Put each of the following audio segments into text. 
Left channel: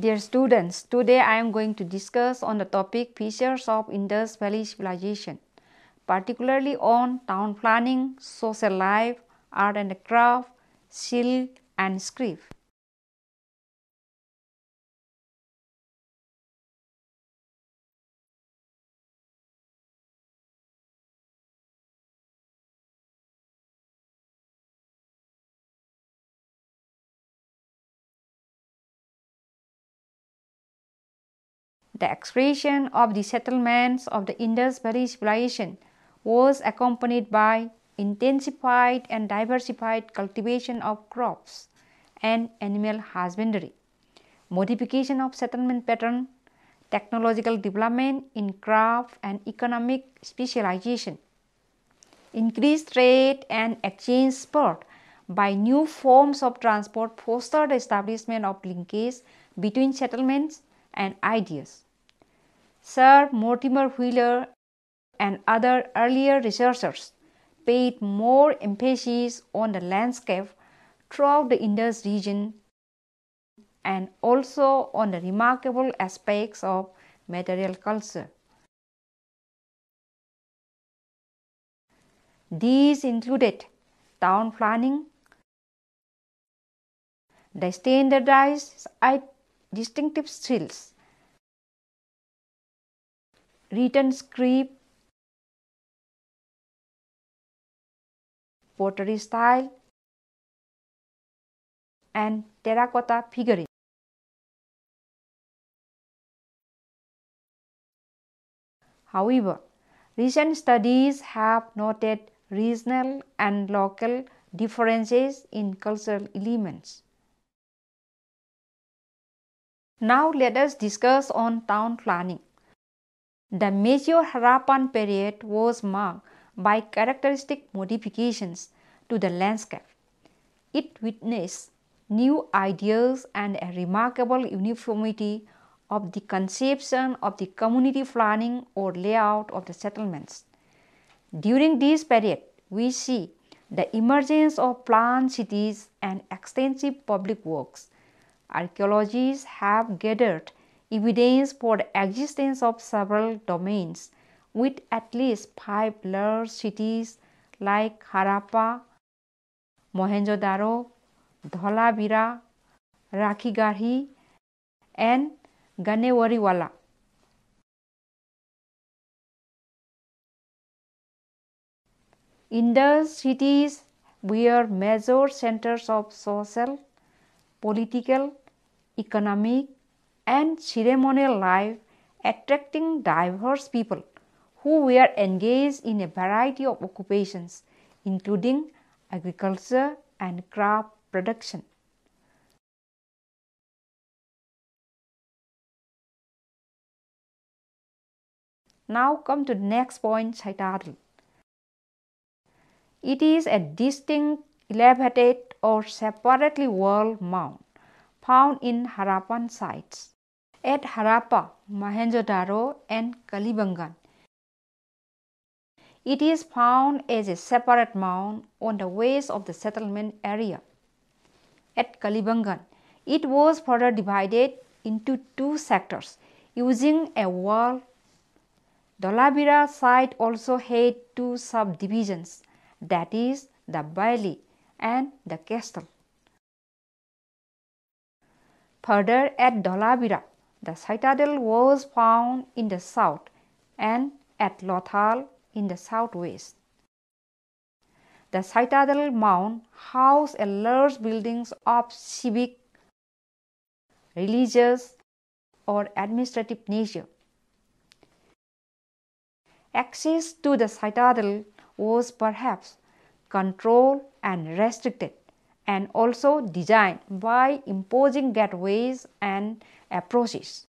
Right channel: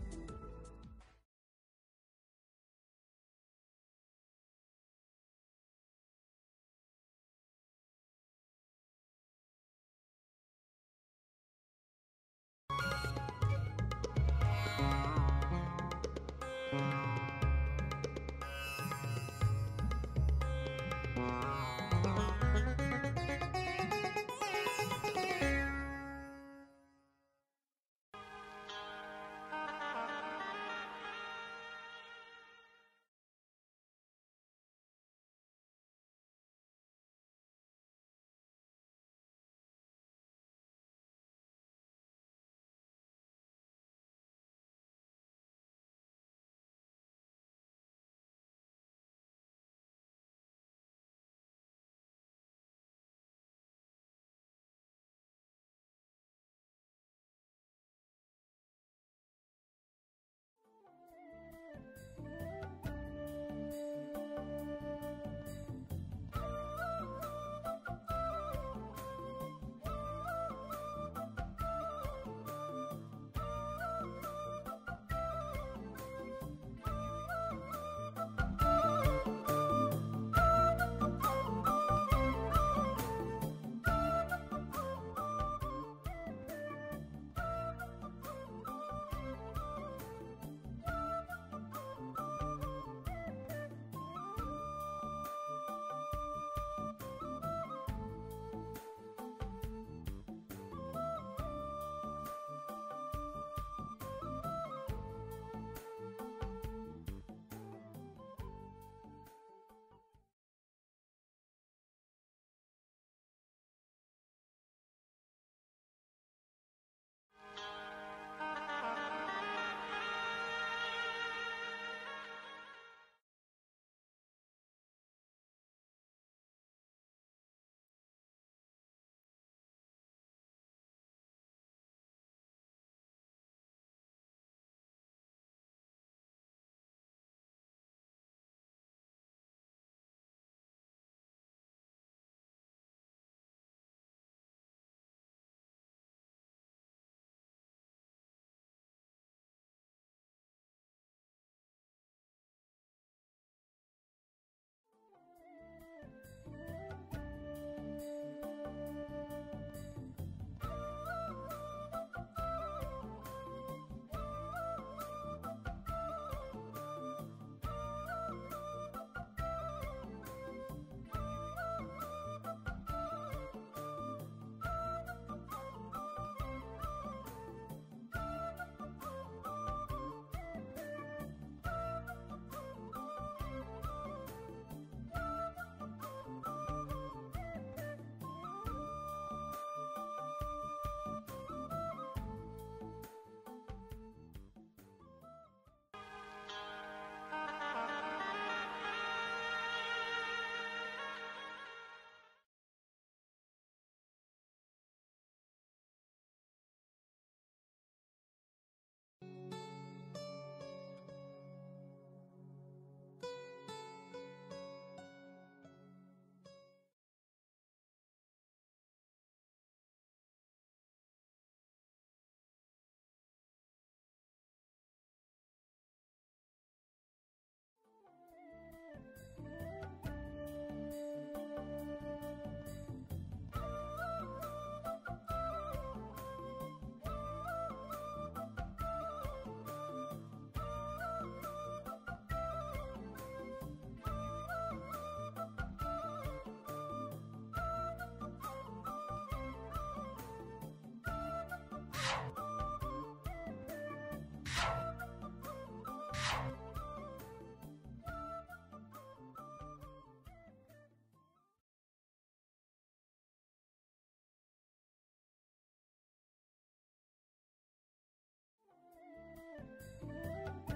Dear students, today I am going to discuss on the topic features of Indus Valley civilization, particularly on town planning, social life, art and craft, silk and script. The expression of the settlements of the Indus Valley civilization was accompanied by intensified and diversified cultivation of crops and animal husbandry, modification of settlement pattern, technological development in craft and economic specialization, increased trade and exchange spurred by new forms of transport fostered the establishment of linkage between settlements and ideas. Sir Mortimer Wheeler and other earlier researchers paid more emphasis on the landscape throughout the Indus region and also on the remarkable aspects of material culture. These included town planning, the standardized distinctive styles, written script, pottery style, and terracotta figurine. However, recent studies have noted regional and local differences in cultural elements. Now let us discuss on town planning. The major Harappan period was marked by characteristic modifications to the landscape. It witnessed new ideas and a remarkable uniformity of the conception of the community planning or layout of the settlements. During this period, we see the emergence of planned cities and extensive public works. Archaeologists have gathered evidence for the existence of several domains with at least 5 large cities like Harappa, Mohenjo-daro, Dholavira, Rakhigarhi, and Ganewariwala. Indus cities were major centers of social, political, economic, and ceremonial life, attracting diverse people who were engaged in a variety of occupations, including agriculture and craft production. Now come to the next point, citadel. It is a distinct, elevated or separately walled mound found in Harappan sites at Harappa, Mohenjo-daro and Kalibangan. It is found as a separate mound on the west of the settlement area. At Kalibangan, it was further divided into 2 sectors using a wall. Dholavira site also had 2 subdivisions, that is the bailey and the castle. Further at Dholavira, the citadel was found in the south and at Lothal in the southwest. The citadel mound housed a large buildings of civic, religious, or administrative nature. Access to the citadel was perhaps controlled and restricted, and also designed by imposing gateways and approaches.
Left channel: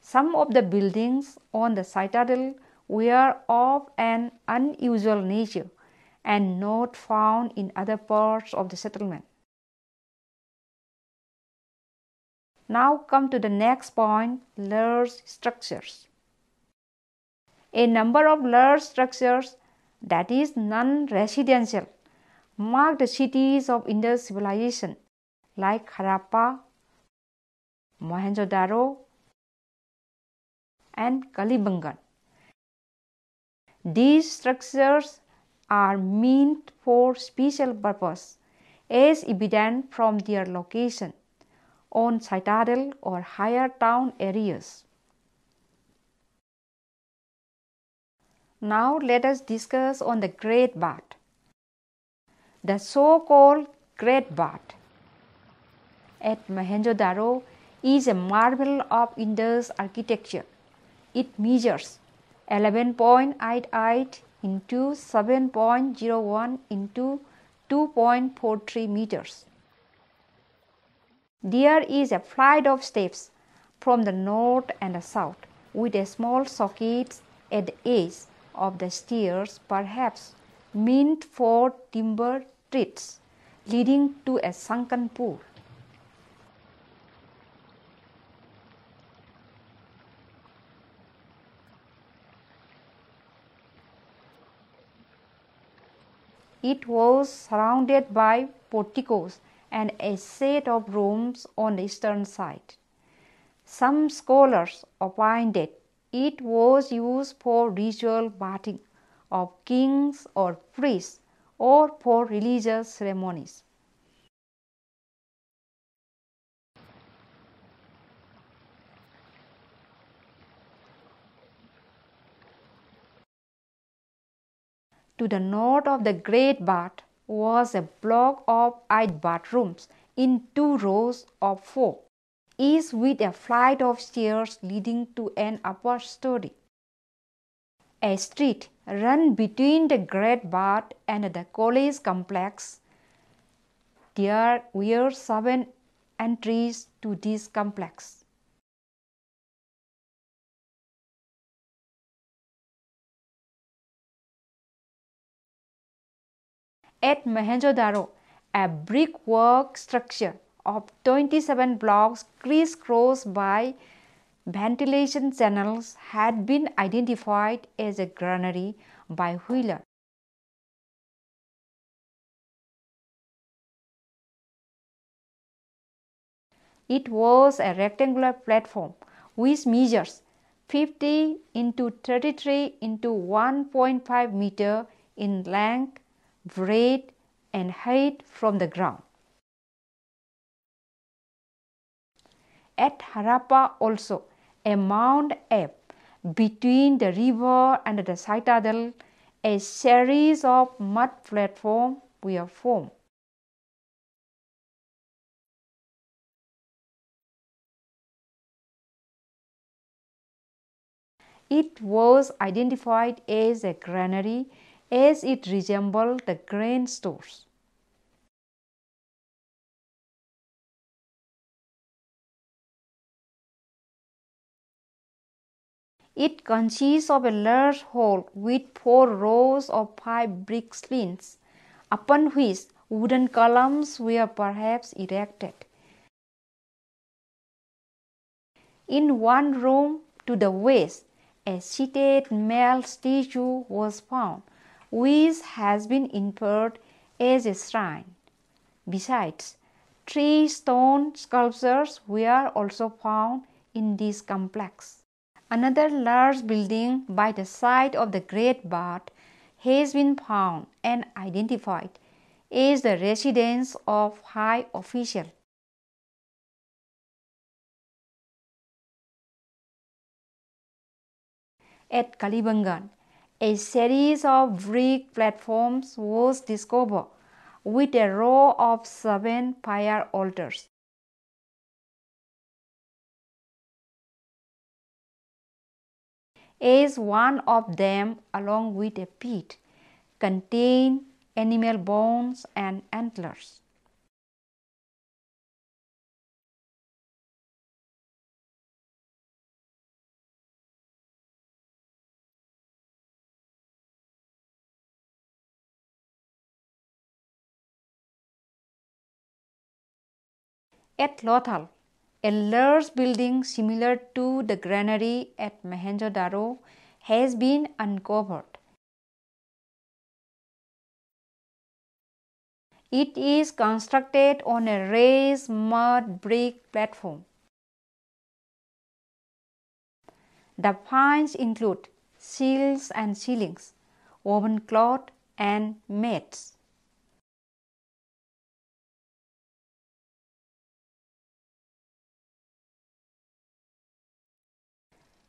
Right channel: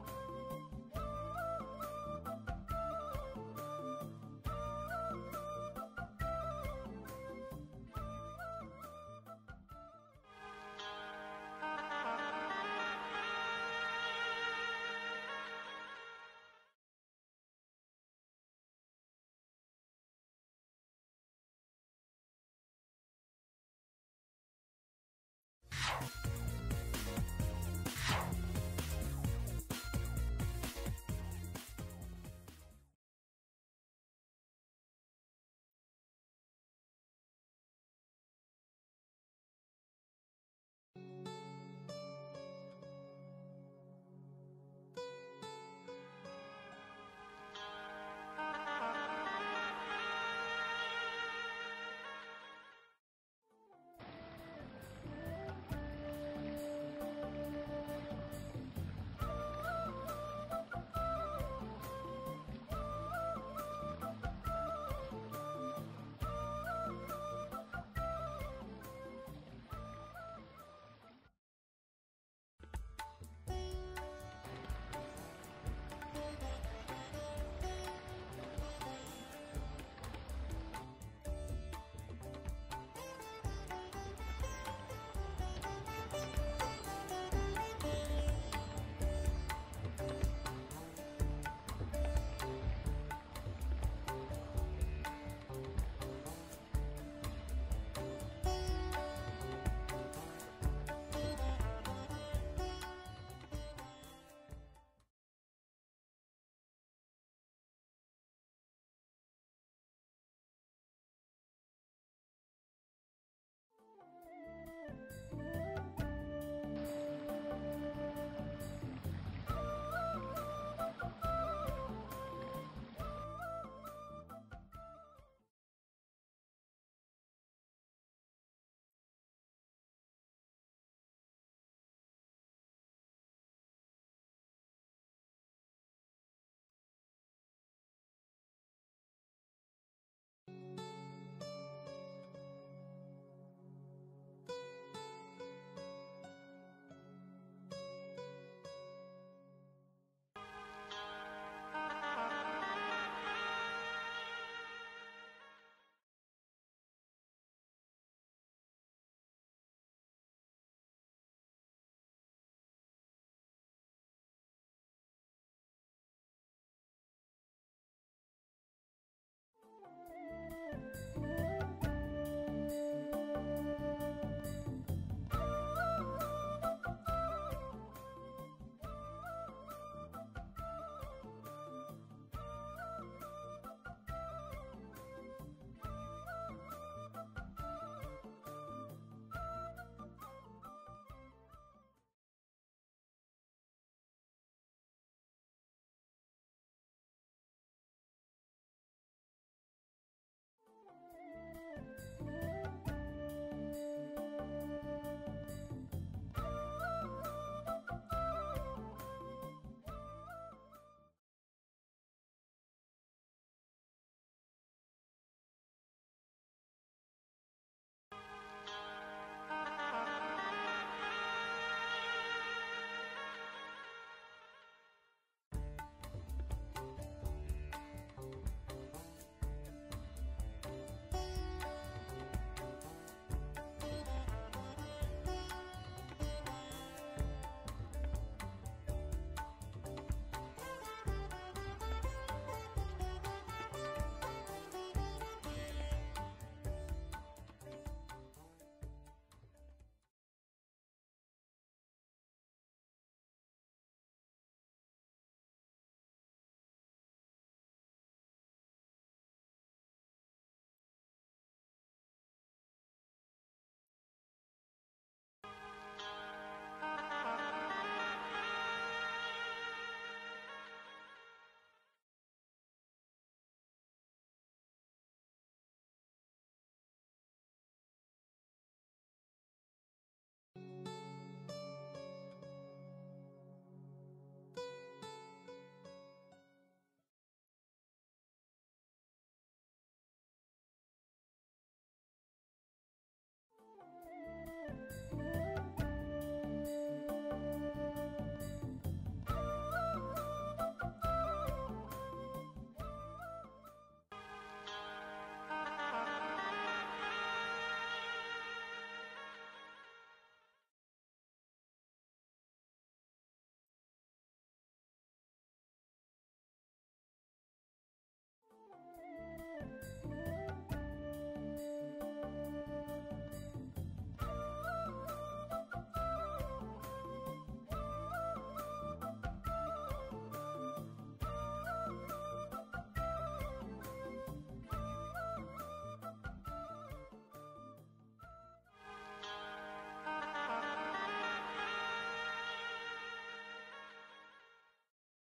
Some of the buildings on the citadel were of an unusual nature and not found in other parts of the settlement. Now come to the next point, large structures. A number of large structures, that is non-residential, mark the cities of Indus civilization like Harappa, Mohenjo-daro, and Kalibangan. These structures are meant for special purpose, as evident from their location on citadel or higher town areas. Now let us discuss on the Great Bath. The so-called Great Bath at Mohenjo-daro is a marvel of Indus architecture. It measures 11.88 into 7.01 into 2.43 meters. There is a flight of steps from the north and the south with a small socket at the edge of the stairs, perhaps meant for timber treads, leading to a sunken pool. It was surrounded by porticos and a set of rooms on the eastern side. Some scholars opined that it was used for ritual bathing of kings or priests or for religious ceremonies. To the north of the Great Bath was a block of 8 bathrooms in 2 rows of 4, each with a flight of stairs leading to an upper story. A street ran between the Great Bath and the college complex. There were 7 entries to this complex. At Mohenjo-daro, a brickwork structure of 27 blocks crisscrossed by ventilation channels had been identified as a granary by Wheeler. It was a rectangular platform which measures 50 into 33 into 1.5 meter in length, breadth, and height from the ground. At Harappa also, a mound up between the river and the citadel, a series of mud platforms were formed. It was identified as a granary as it resembled the grain stores. It consists of a large hall with 4 rows of 5 brick slings, upon which wooden columns were perhaps erected. In one room to the west, a seated male statue was found, which has been inferred as a shrine. Besides, 3 stone sculptures were also found in this complex. Another large building by the side of the Great Bath has been found and identified as the residence of high official. At Kalibangan, a series of brick platforms was discovered with a row of 7 fire altars. As one of them, along with a pit, contained animal bones and antlers. At Lothal, a large building similar to the granary at Mohenjo-daro has been uncovered. It is constructed on a raised mud brick platform. The finds include seals and ceilings, woven cloth, and mats.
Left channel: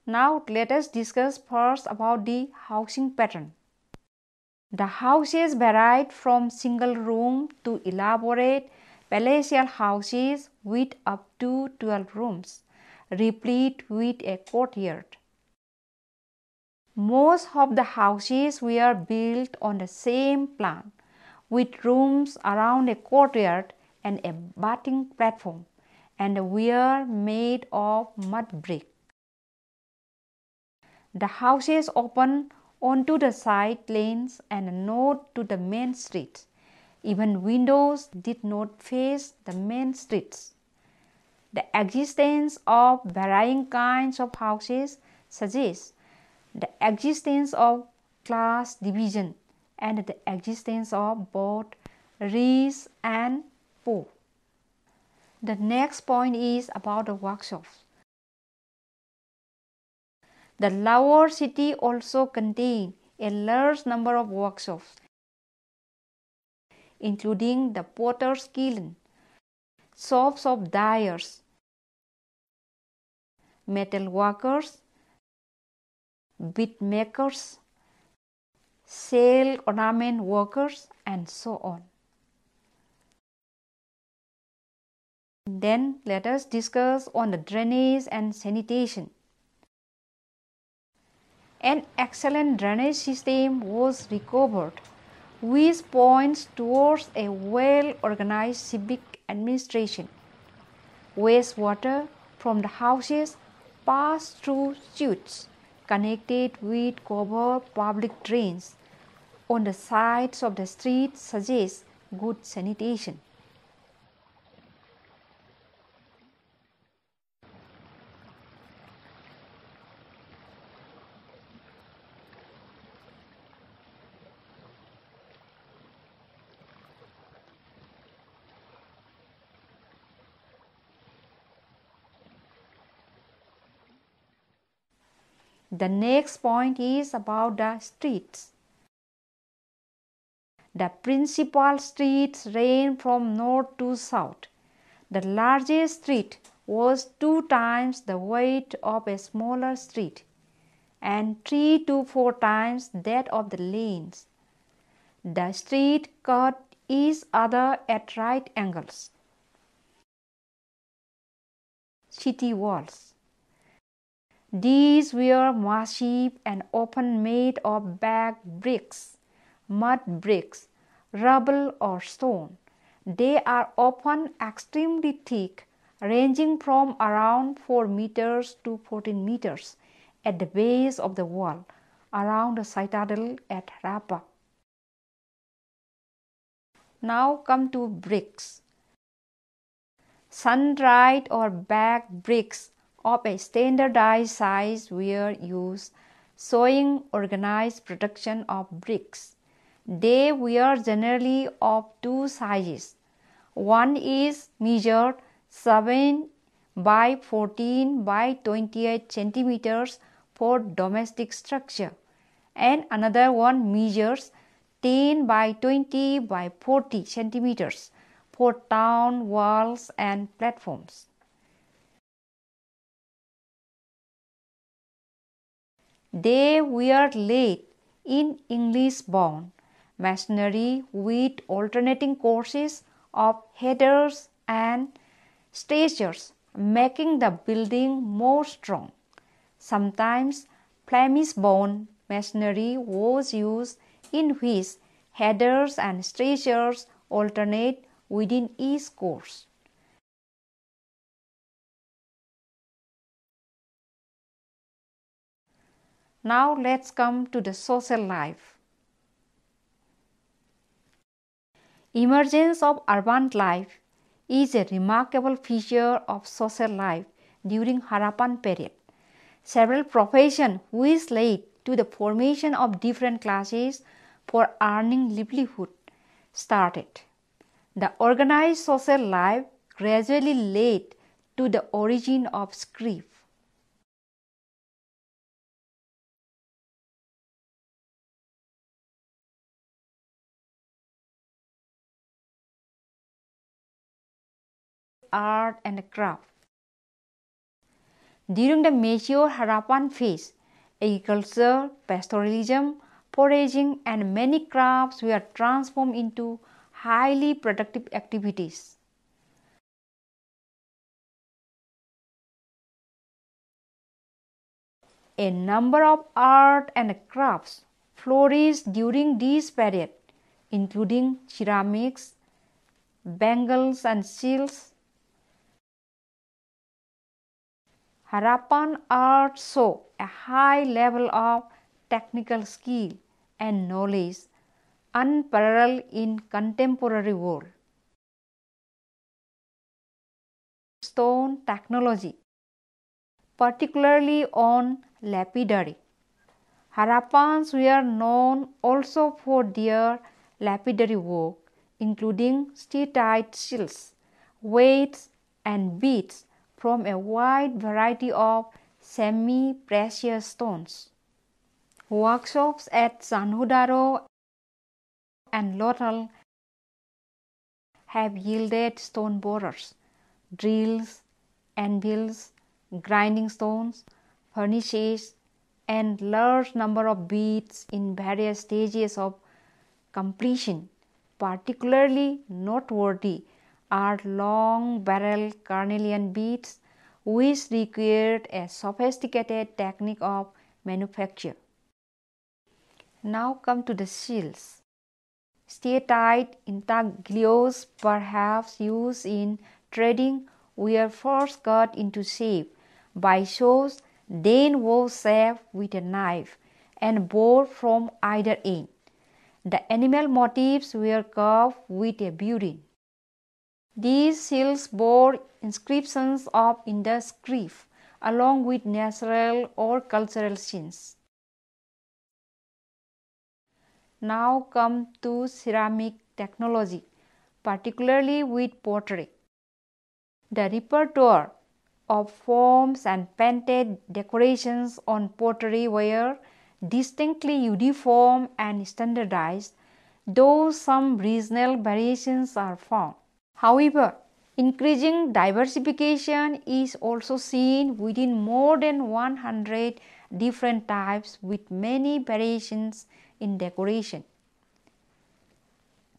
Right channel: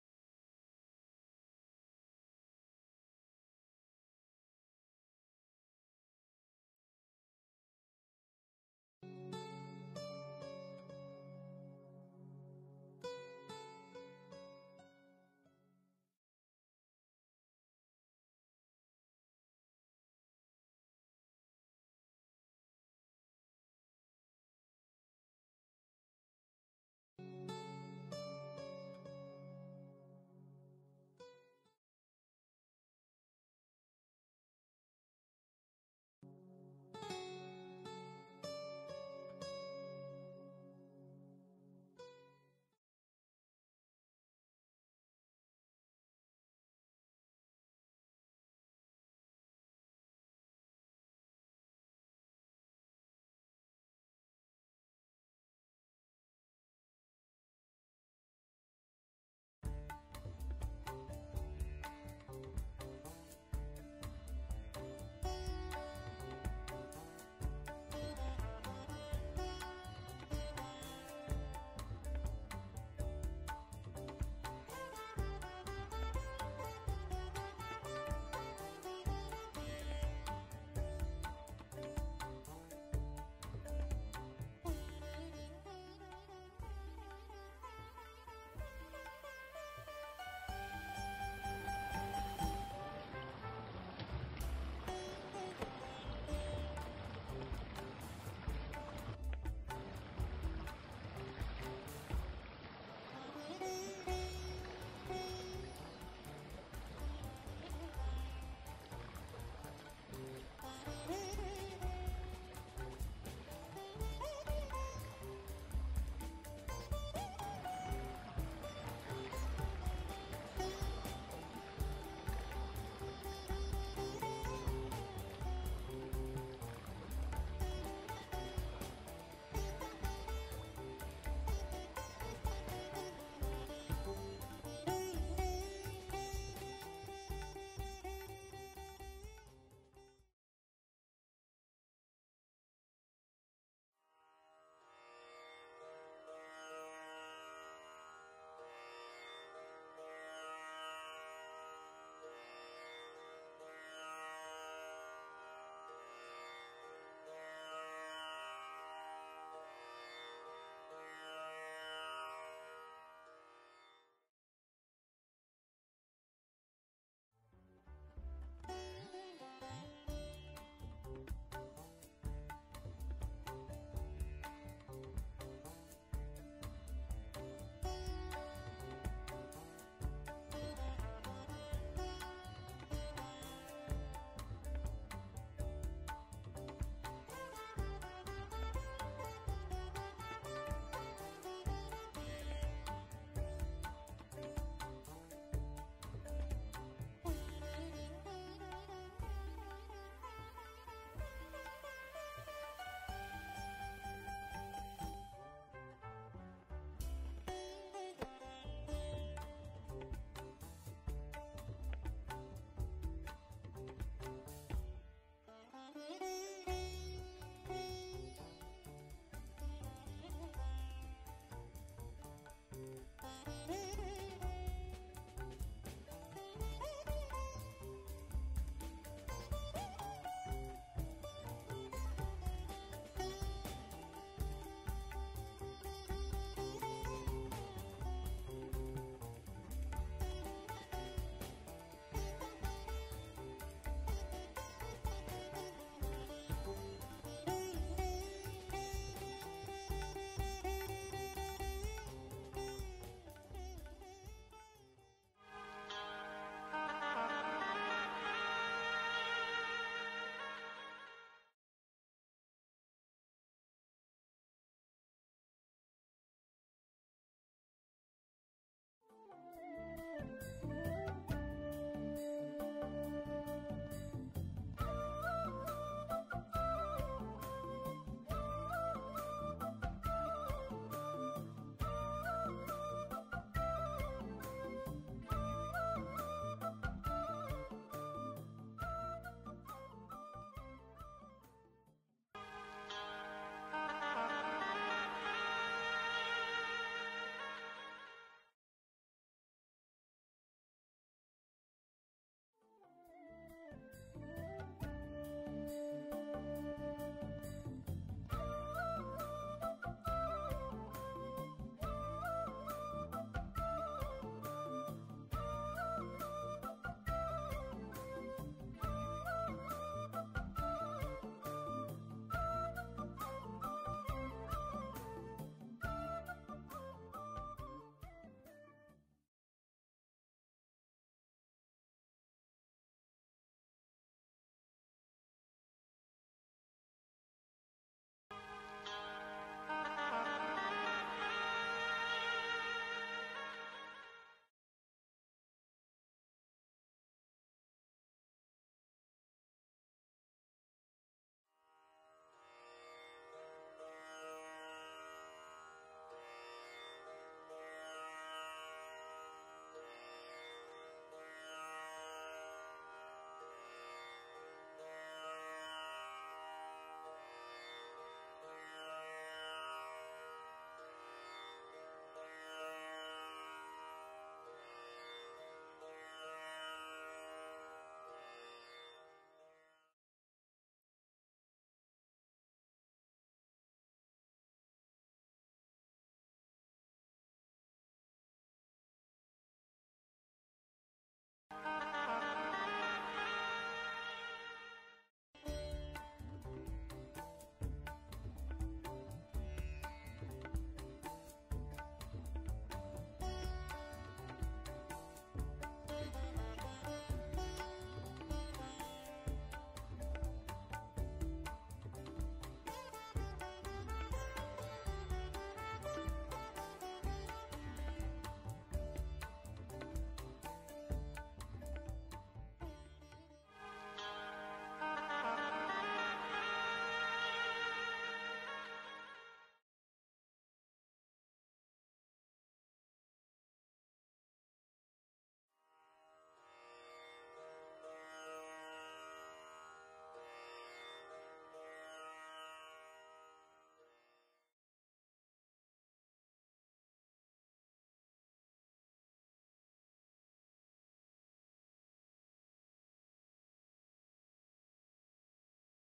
Now let us discuss first about the housing pattern. The houses varied from single room to elaborate palatial houses with up to 12 rooms, replete with a courtyard. Most of the houses were built on the same plan, with rooms around a courtyard and a bathing platform, and were made of mud brick. The houses opened onto the side lanes and not to the main streets. Even windows did not face the main streets. The existence of varying kinds of houses suggests the existence of class division and the existence of both rich and poor. The next point is about the workshops. The lower city also contained a large number of workshops, including the potter's kiln, shops of dyers, metal workers, bead makers, sail ornament workers, and so on. Then let us discuss on the drainage and sanitation. An excellent drainage system was recovered, which points towards a well-organized civic administration. Wastewater from the houses passed through chutes connected with covered public drains on the sides of the streets suggests good sanitation. The next point is about the streets. The principal streets ran from north to south. The largest street was 2 times the weight of a smaller street and 3 to 4 times that of the lanes. The street cut each other at right angles. City walls. These were massive and often made of baked bricks, mud bricks, rubble or stone. They are often extremely thick, ranging from around 4 meters to 14 meters at the base of the wall around the citadel at Rapa. Now come to bricks. Sun-dried or baked bricks of a standardized size were used, showing organized production of bricks. They were generally of 2 sizes. One is measured 7 by 14 by 28 centimeters for domestic structure, and another one measures 10 by 20 by 40 centimeters for town walls and platforms. They were laid in English-bound masonry with alternating courses of headers and stretchers, making the building more strong. Sometimes Flemish-bound masonry was used, in which headers and stretchers alternate within each course. Now let's come to the social life. Emergence of urban life is a remarkable feature of social life during Harappan period. Several professions which led to the formation of different classes for earning livelihood started. The organized social life gradually led to the origin of script. Art and craft. During the major Harappan phase, agriculture, pastoralism, foraging, and many crafts were transformed into highly productive activities. A number of art and crafts flourished during this period, including ceramics, bangles and seals. Harappan art saw a high level of technical skill and knowledge unparalleled in contemporary world. Stone technology, particularly on lapidary. Harappans were known also for their lapidary work, including steatite seals, weights, and beads from a wide variety of semi-precious stones. Workshops at Sanhudaro and Lothal have yielded stone borers, drills, anvils, grinding stones, furnaces, and large number of beads in various stages of completion. Particularly noteworthy are long-barrel carnelian beads, which required a sophisticated technique of manufacture. Now come to the seals. Steatite intaglios, perhaps used in trading, were first cut into shape by saws, then was shaped with a knife and bored from either end. The animal motifs were carved with a burin. These seals bore inscriptions of Indus script along with natural or cultural scenes. Now come to ceramic technology, particularly with pottery. The repertoire of forms and painted decorations on pottery were distinctly uniform and standardized, though some regional variations are found. However, increasing diversification is also seen within more than 100 different types with many variations in decoration.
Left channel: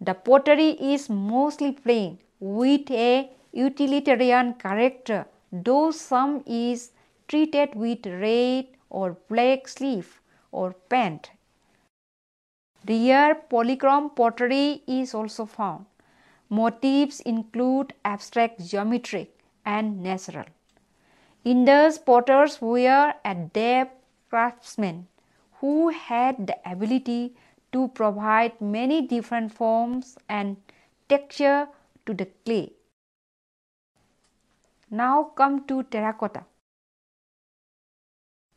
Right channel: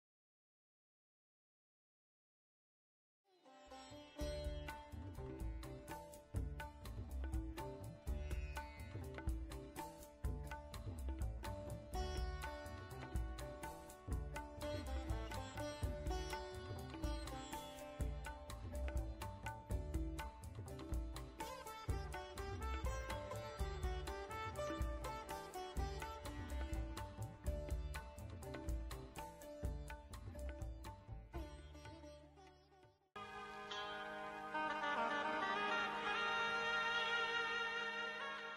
The pottery is mostly plain with a utilitarian character, though some is treated with red or black sleeve or paint. Rare polychrome pottery is also found. Motifs include abstract geometric and natural. Indus potters were adept craftsmen who had the ability to provide many different forms and texture to the clay. Now come to terracotta.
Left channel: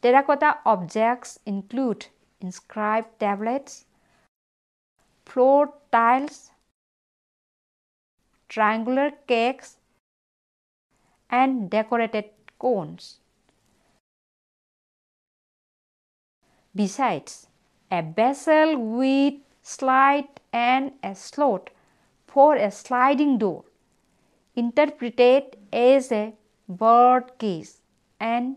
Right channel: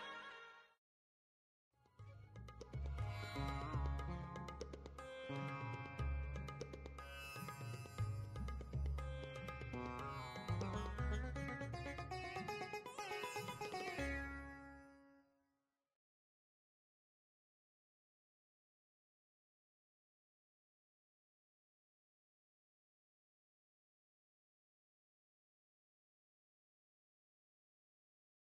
Terracotta objects include inscribed tablets, floor tiles, triangular cakes, and decorated cones. Besides, a vessel with slit and a slot for a sliding door, interpreted as a bird cage, and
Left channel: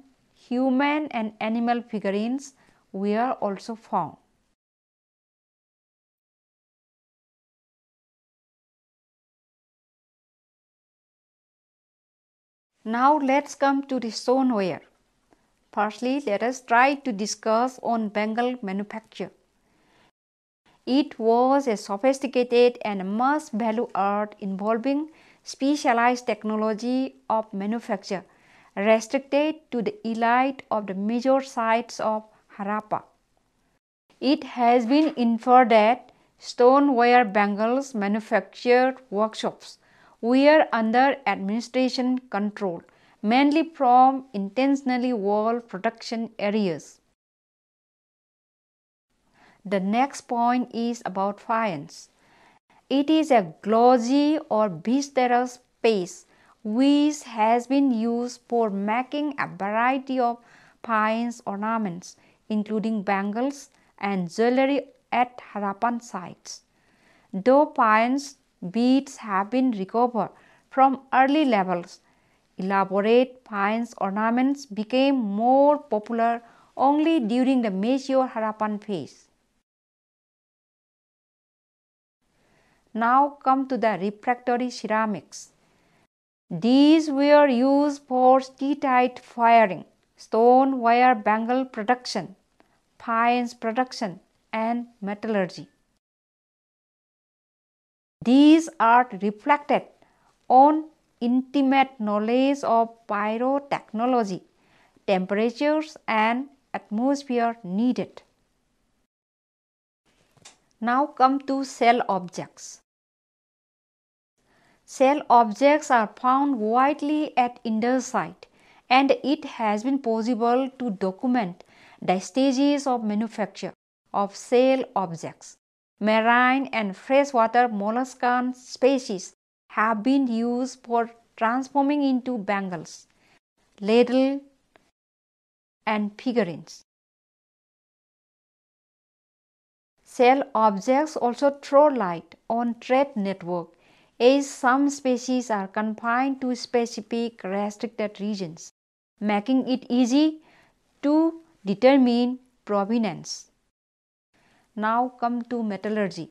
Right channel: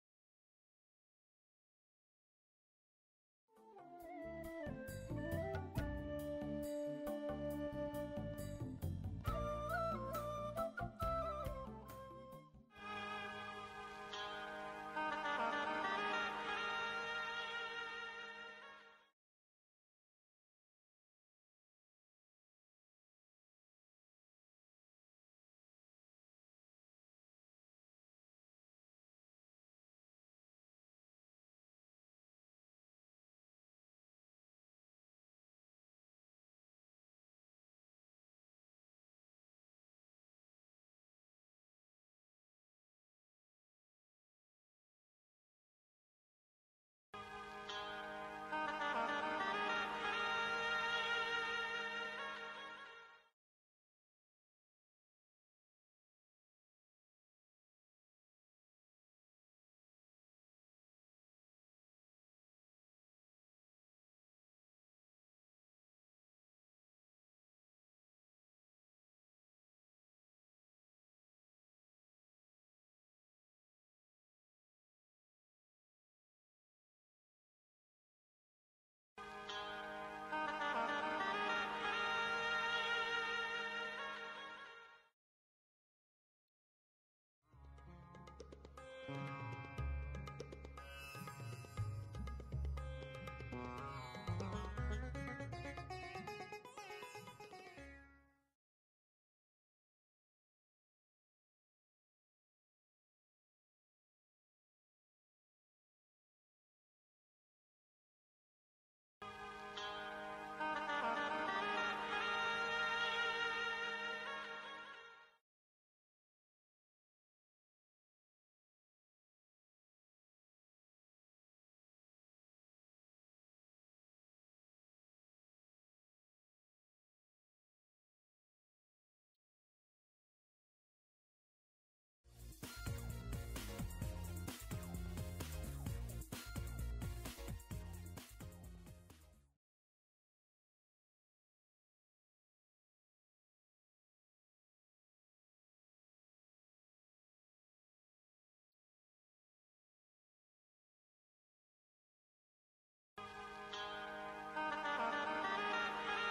human and animal figurines were also found. Now let's come to the stoneware. Firstly, let us try to discuss on bangle manufacture. It was a sophisticated and much valued art involving specialized technology of manufacture restricted to the elite of the major sites of Harappa. It has been inferred that stoneware bangles manufactured workshops were under administration control, mainly from intentionally walled production areas. The next point is about faience. It is a glossy or viscous paste which has been used for making a variety of fine ornaments, including bangles and jewelry at Harappan sites. Though fine beads have been recovered from early levels, elaborate fine ornaments became more popular only during the mature Harappan phase. Now come to the refractory ceramics. These were used for steatite firing, stone wire bangle production, fines production, and metallurgy. These art reflected on intimate knowledge of pyrotechnology, temperatures, and atmosphere needed. Now come to shell objects. Shell objects are found widely at Indus site, and it has been possible to document the stages of manufacture of shell objects. Marine and freshwater molluscan species have been used for transforming into bangles, ladle, and figurines. Shell objects also throw light on trade network, as some species are confined to specific restricted regions, making it easy to determine provenance. Now come to metallurgy.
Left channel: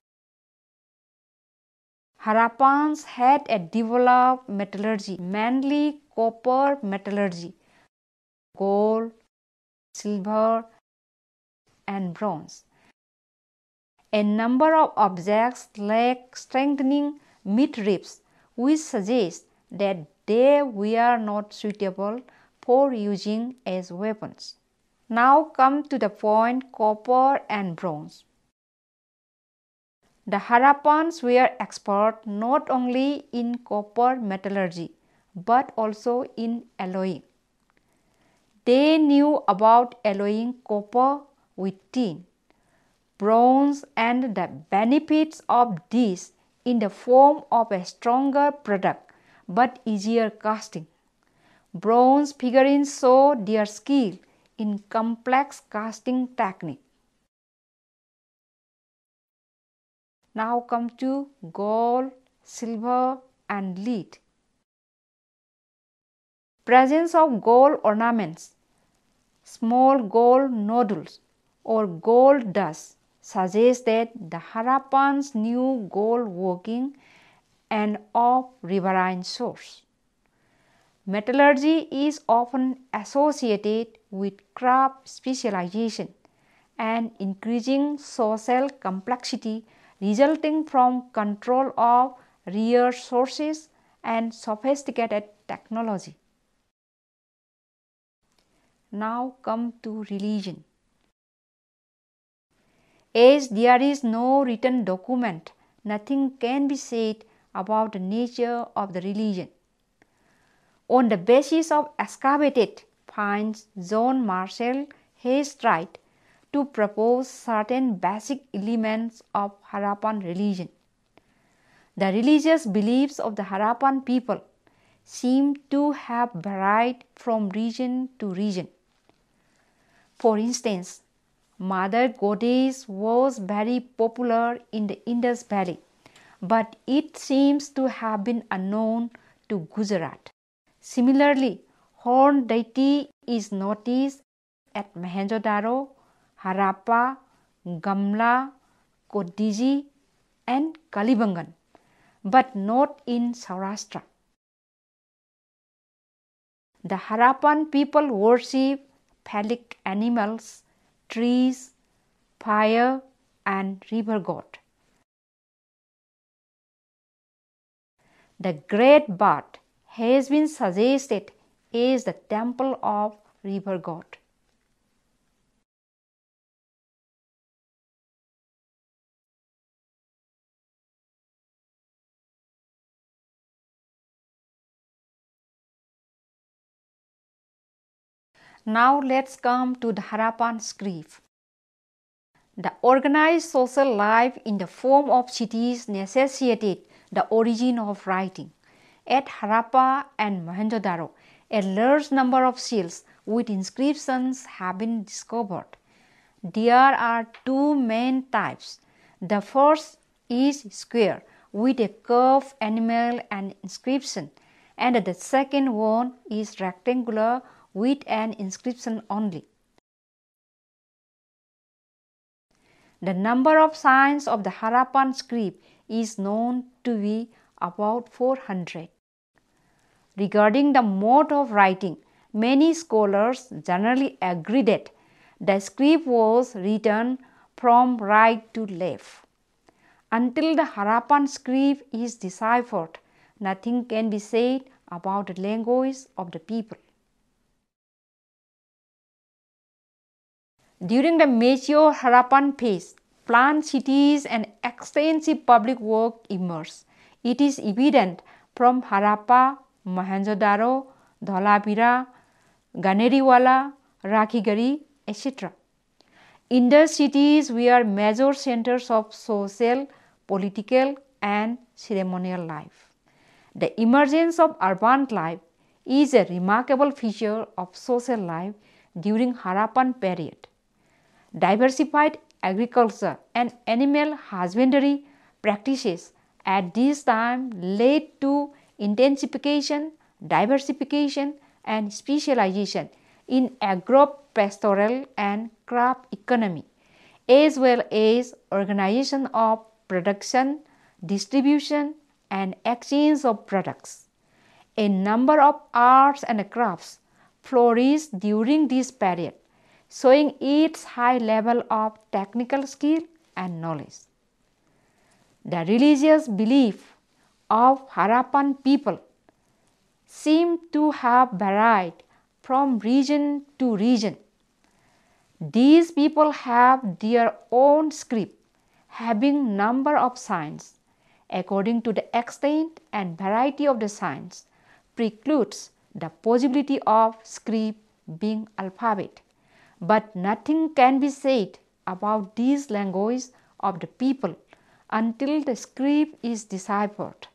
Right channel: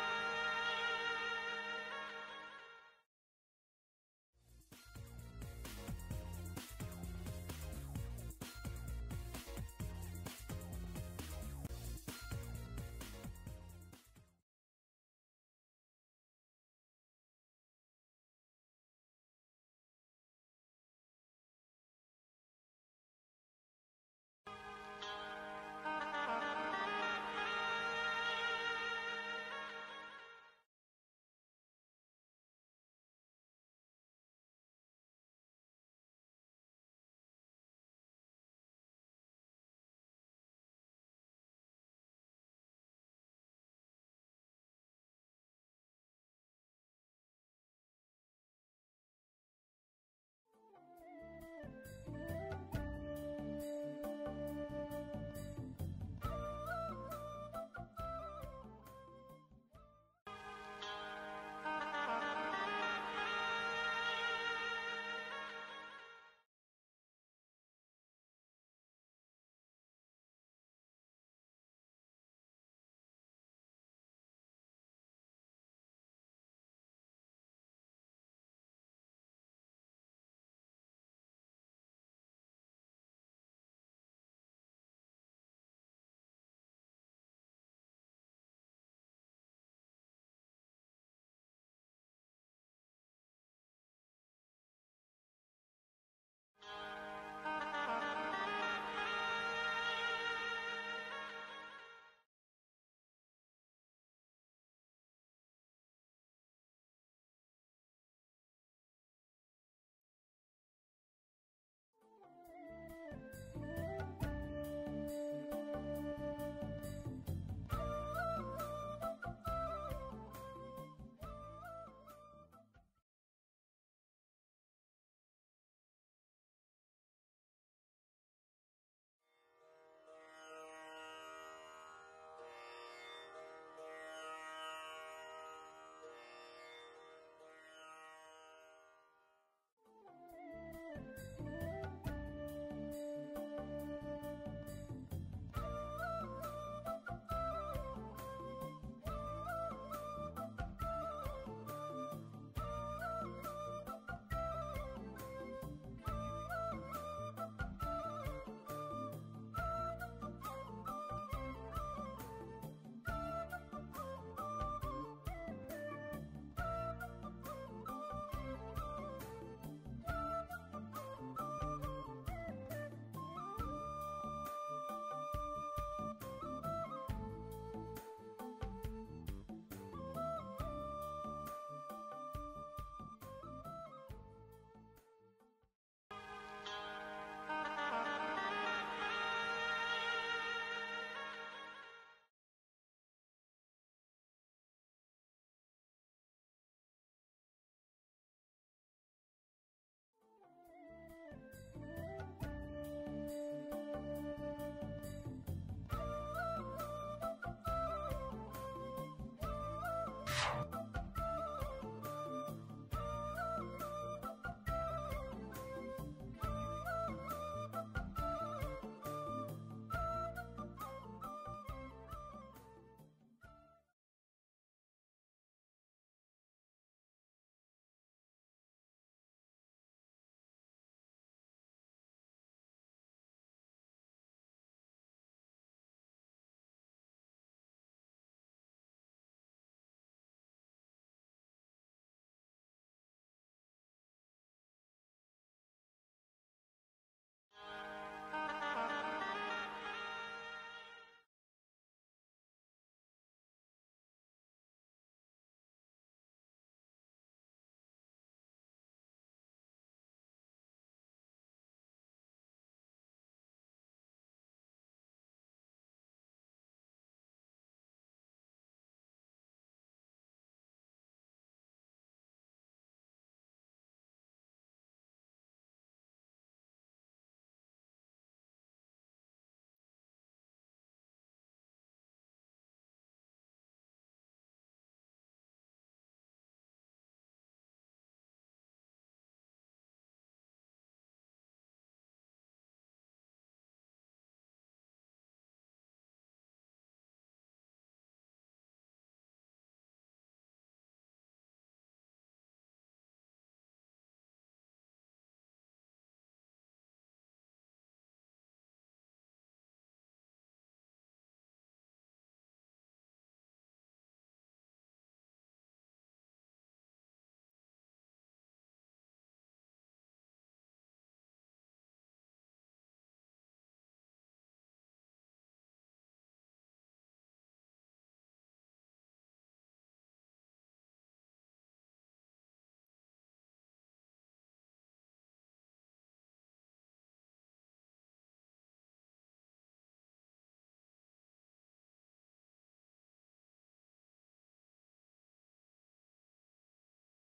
Harappans had a developed metallurgy, mainly copper metallurgy, gold, silver, and bronze. A number of objects lack strengthening midribs, which suggests that they were not suitable for using as weapons. Now come to the point copper and bronze. The Harappans were expert not only in copper metallurgy but also in alloying. They knew about alloying copper with tin, bronze, and the benefits of this in the form of a stronger product but easier casting. Bronze figurines show their skill in complex casting technique. Now come to gold, silver, and lead. Presence of gold ornaments, small gold nodules, or gold dust suggests that the Harappans knew gold working and of riverine source. Metallurgy is often associated with craft specialization and increasing social complexity resulting from control of rare sources and sophisticated technology. Now come to religion. As there is no written document, nothing can be said about the nature of the religion. On the basis of excavated finds, John Marshall has tried to propose certain basic elements of Harappan religion. The religious beliefs of the Harappan people seem to have varied from region to region. For instance, Mother Goddess was very popular in the Indus Valley, but it seems to have been unknown to Gujarat. Similarly, horned deity is noticed at Mohenjo-daro, Harappa, Gamla, Kodiji, and Kalibangan, but not in Saurashtra. The Harappan people worship phallic animals, trees, fire, and river god. The great bird has been suggested as the temple of river god. Now let's come to the Harappan script. The organized social life in the form of cities necessitated the origin of writing. At Harappa and Mohenjo-daro, a large number of seals with inscriptions have been discovered. There are two main types. The first is square with a curved animal and inscription, and the second one is rectangular with an inscription only. The number of signs of the Harappan script is known to be about 400. Regarding the mode of writing, many scholars generally agree that the script was written from right to left. Until the Harappan script is deciphered, nothing can be said about the language of the people. During the mature Harappan phase, planned cities and extensive public work emerged. It is evident from Harappa, Mohenjo-daro, Dholavira, Ganeriwala, Rakhigari, etc. Indus cities were major centers of social, political and ceremonial life. The emergence of urban life is a remarkable feature of social life during Harappan period. Diversified agriculture and animal husbandry practices at this time led to intensification, diversification and specialization in agro-pastoral and crop economy, as well as organization of production, distribution and exchange of products. A number of arts and crafts flourished during this period, showing its high level of technical skill and knowledge. The religious belief of Harappan people seem to have varied from region to region. These people have their own script, having number of signs. According to the extent and variety of the signs, precludes the possibility of script being alphabet. But nothing can be said about this language of the people until the script is deciphered.